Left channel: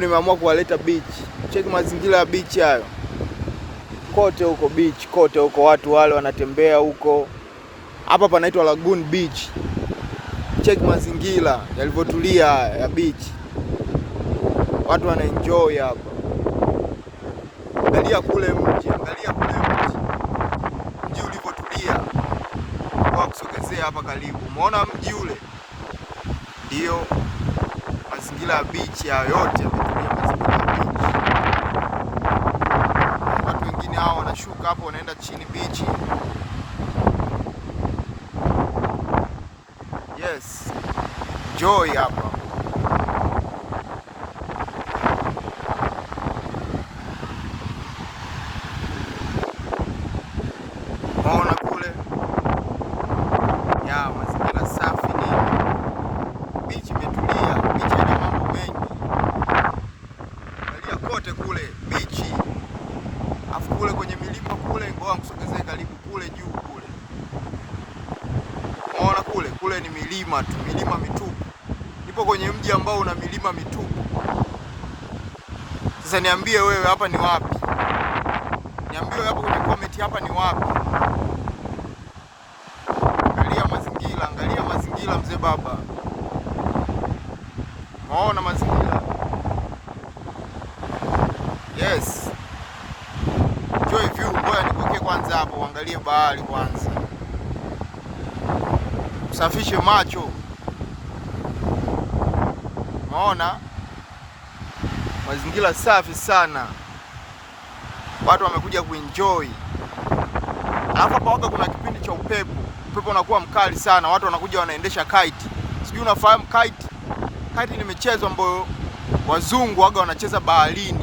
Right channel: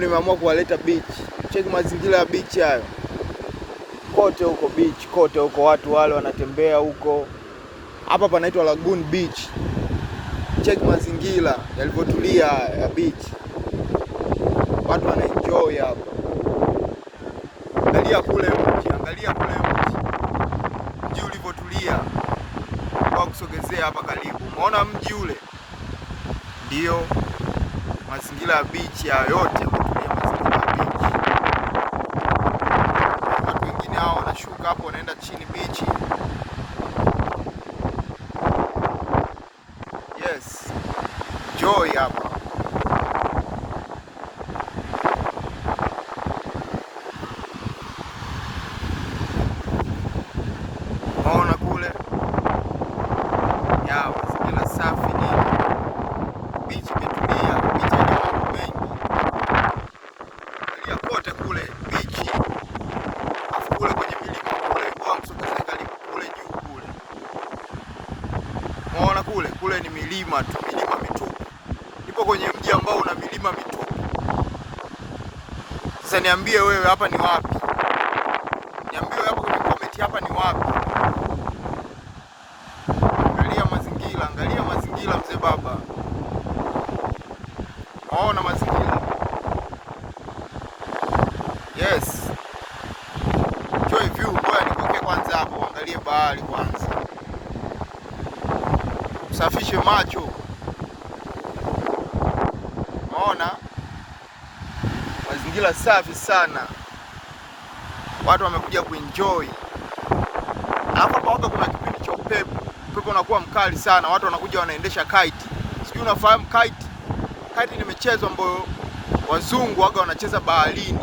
Nimeamua kuwaleta beach. Cheki mazingira ya beach hayo. Kote huko beach, kote huko watu wale wanatembea huko. Hapa panaitwa Lagoon Beach. Cheki mazingira yalivyotulia ya beach. Watu wana enjoy hapa. Angalia kule mji, angalia kule mji. Mji ulivyotulia. Kwa kusogezea hapa karibu. Umeona mji ule? Ndio mazingira ya beach ya yote yametulia, mazingira ya beach. Watu wengine hao wanashuka hapo wanaenda chini beach. Yes. Joy hapa. Unaona kule? Ya mazingira safi ni. Beach imetulia, beach ina mambo mengi. Angalia kote kule beach. Afu kule kwenye milima kule kwa msogezee karibu kule juu kule. Unaona kule? Kule ni milima tu, milima mitupu. Nipo kwenye mji ambao una milima mitupu. Sasa niambie wewe hapa ni wapi? Niambie wewe hapo kwenye comment hapa ni wapi? Angalia mazingira mzee baba. Unaona mazingira? Yes. Joy view, ngoja nikuweke kwanza hapo, angalie bahari kwanza. Safishe macho. Unaona? Mazingira safi sana. Watu wamekuja kuenjoy. Alafu hapa waga kuna kipindi cha upepo. Upepo unakuwa mkali sana. Watu wanakuja wanaendesha kite. Sijui unafahamu kite? Kite ni michezo ambayo wazungu waga wanacheza baharini.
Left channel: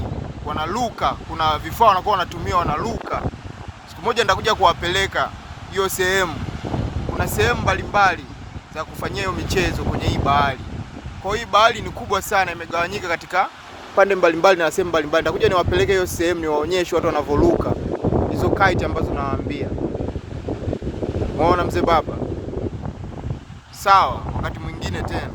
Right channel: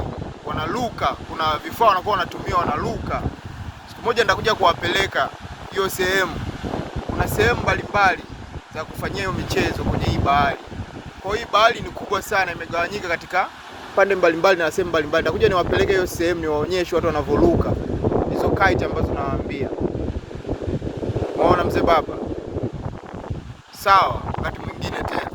Wanaluka, kuna vifaa wanakuwa wanatumia wanaluka. Siku moja nitakuja kuwapeleka hiyo sehemu. Kuna sehemu mbalimbali za kufanyia hiyo michezo kwenye hii bahari. Kwa hiyo hii bahari ni kubwa sana, imegawanyika katika pande mbalimbali na sehemu mbalimbali. Nitakuja niwapeleke hiyo sehemu niwaonyeshe watu wanavyoruka hizo kite ambazo nawaambia. Unaona mzee baba? Sawa, wakati mwingine tena.